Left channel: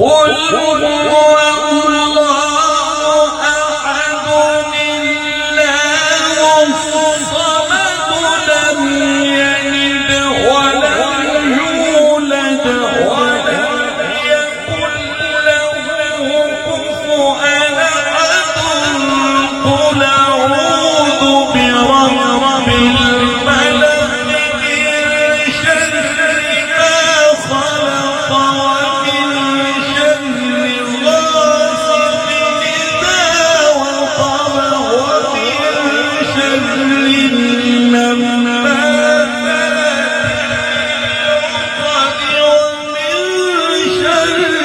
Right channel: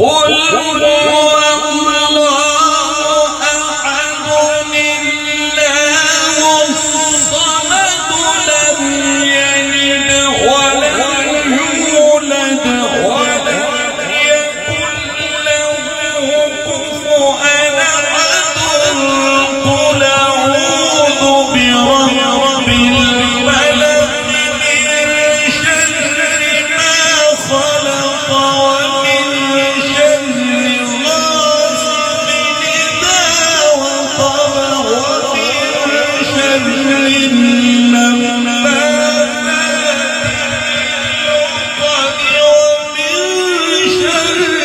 قل هو الله أحد الله الصمد لم يلد ولم يولد ولم يكن له كفوا أحد قل أعوذ برب الفلق من شر ما خلق ومن شر غاسق إذا وقب ومن شر النفاثات في العقد ومن شر